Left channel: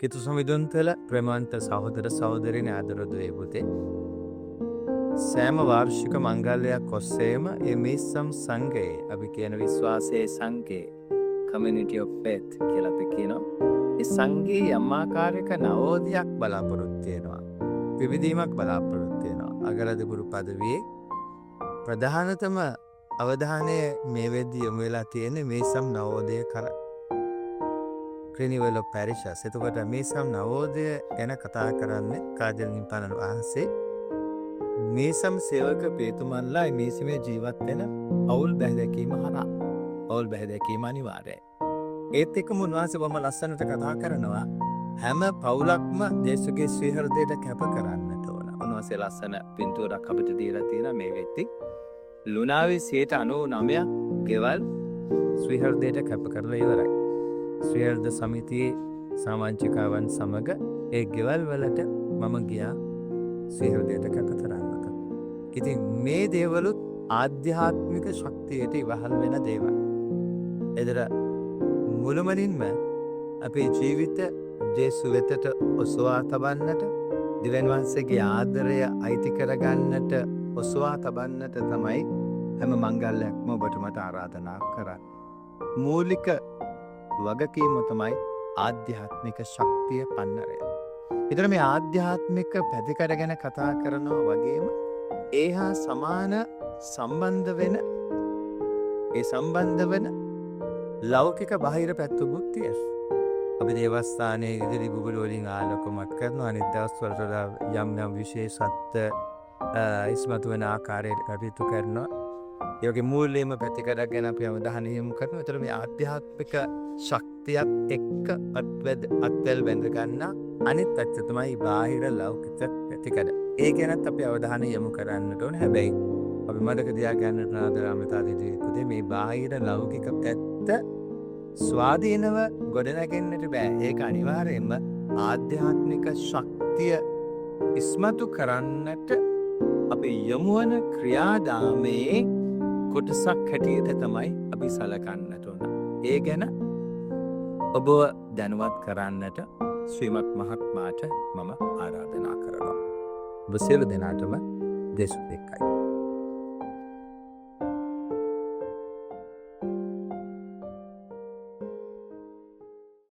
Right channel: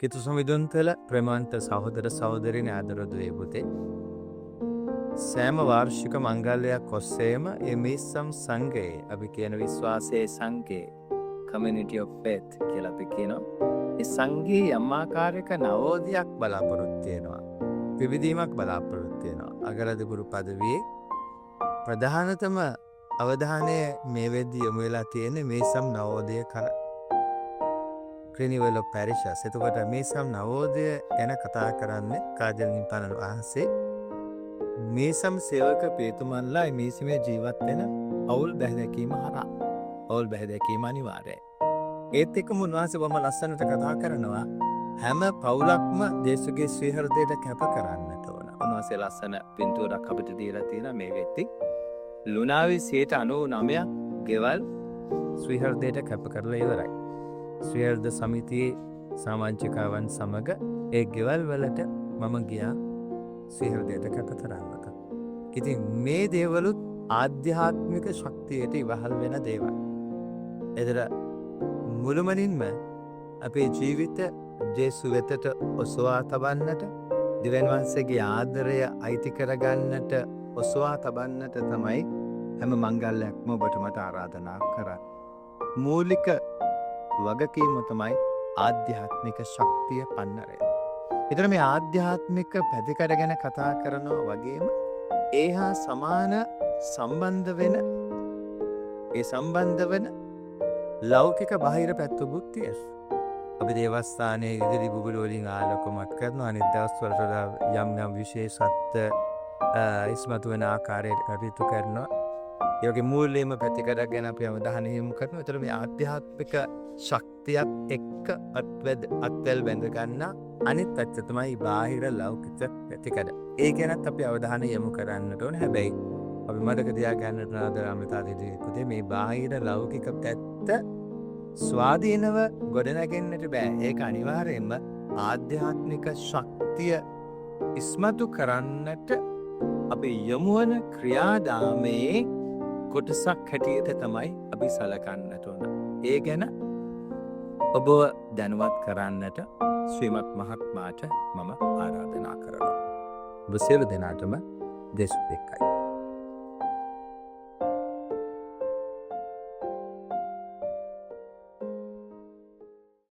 කිතු සමිදුන්තල ප්‍රමාන්ත සහෝදර සහෝදරින ආදරදුවේ පුතේ. සෑම වාර්ෂික මංගල්‍යයක් ඔස්සේම මිස්සම් සංඝයේ අපි කියන විශ්වාසයේ සංඝයේ community of faith කියලා අපි කියනවා. ඒ සංඝයේ යම් ආකාරයක නවෝදයක් බලාපොරොත්තු වෙනවා. විවිධීමක් බලාපොරොත්තු වෙනවා. අගලදපුරු පදවියේ ප්‍රධානතම අවධානය මේ වෙද්දී යොමු වෙලා තියෙන්නේ මිස්සම් නවෝදය කරා. ක්‍රිනිවල පැරිෂස්. එතකොට මිස්සම් නවෝදය ගැන කතා කරන්නේ කාජල් නිපානන් වහන්සේ. මිස්සම් සේවක පියතුමන්ලා මිසමේ ජීවත් වෙන අවුල් බැහැදකීම හරහා. අවුල් බැහැදකීම අනිවාර්යයි. ඒත් එක්කම උන්වහන්සේ බොහොම ලස්සනට කතා කරනවා හැම පවුලක්ම දේශකේ ශ්‍රී හෘදයට කැප කරන්නට ඕන. උන්වහන්සේ ලස්සන පින්තූරයක් අපිට දීලා තියෙනවා මේ වෙද්දී. ලුණාවේ 99% ගෙවල් ශ්‍රී හෘදයට කැප කරලා ඉවරයි. ශ්‍රී හෘද සමිතියේ සමාජිකයන් සමග ඒ ගෙවල් වලට මම ගියා ශ්‍රී හෘදයට කැප කරන්නට. ඉතින් මේ දේවලුත් ආධ්‍යාත්මික ශක්තියට ඉවහල් වෙන දේවල්. එතන මුළුමනින්ම අපේ ජීවිත ජේසු වෙතට ඔසවා තබන්නට දිව්‍යන් වහන්සේගේ ආදරය අයිති කරගන්නට ඔසවා තබන්නට තමයි හැම මංගල්‍යයක්ම ඔබට මට ආරාධනා කරන්නේ. මූලික වගකීම තමයි ආධ්‍යාත්මික ශක්තිය පන්නරය. ඊතර මේ ආධ්‍යාත්මික පැතිකඩ ගැන කතා කරනවා වගේම ඒ හා සමාන සම්බන්ධ වෙන ඒ සම්බන්ධ වෙන ලෞකික බාහිර පැත්තකුත් තියෙනවා. අපි දේවස්ථානයේ ඉදිරි බුබුලු වලින් ආලෝකමත් කරනවා. අනිත් දවස්වල යම් යම් විශේෂත්ව ඉස්මතු වෙන ආකාරයට කටයුතු කරනවා. ඒ වගේ මූල්‍යම පැතිකඩ ගැන අපි අවධානය යොමු කරනවා. ඒතර මේ ආධ්‍යාත්මික ශක්තියත් එක්ක අත්වැල් බැඳ ගන්න අනිත් පැත්ත තමයි බාහිර ලෞකික පැතිකඩ. ඒ ගැනත් අපි අවධානය යොමු කරන්නට ඕනේ. හැබැයි අපි මතක තියාගන්නට ආදරාමිතාවේදී පුතේ මේ බාහිර ලෞකික පැත්ත ස්වාධීනව ගොඩනගෙන්නට බෑ. ඒක අනිවාර්යයෙන්ම ආධ්‍යාත්මික ශක්තිය ඉස්මතු කරන්නට අපි යොමු වන ක්‍රියාදාමයේ කොටසක් හැටියට තමයි අපි සලකන්නට ඕන. ඒ ගැන ඔබ දැනුවත් කරන්නට ශ්‍රීමත් මහත්මයාට මම ආරාධනා කරනවා. ඔබ සියලු දෙනාටම දේශ දෙකයි.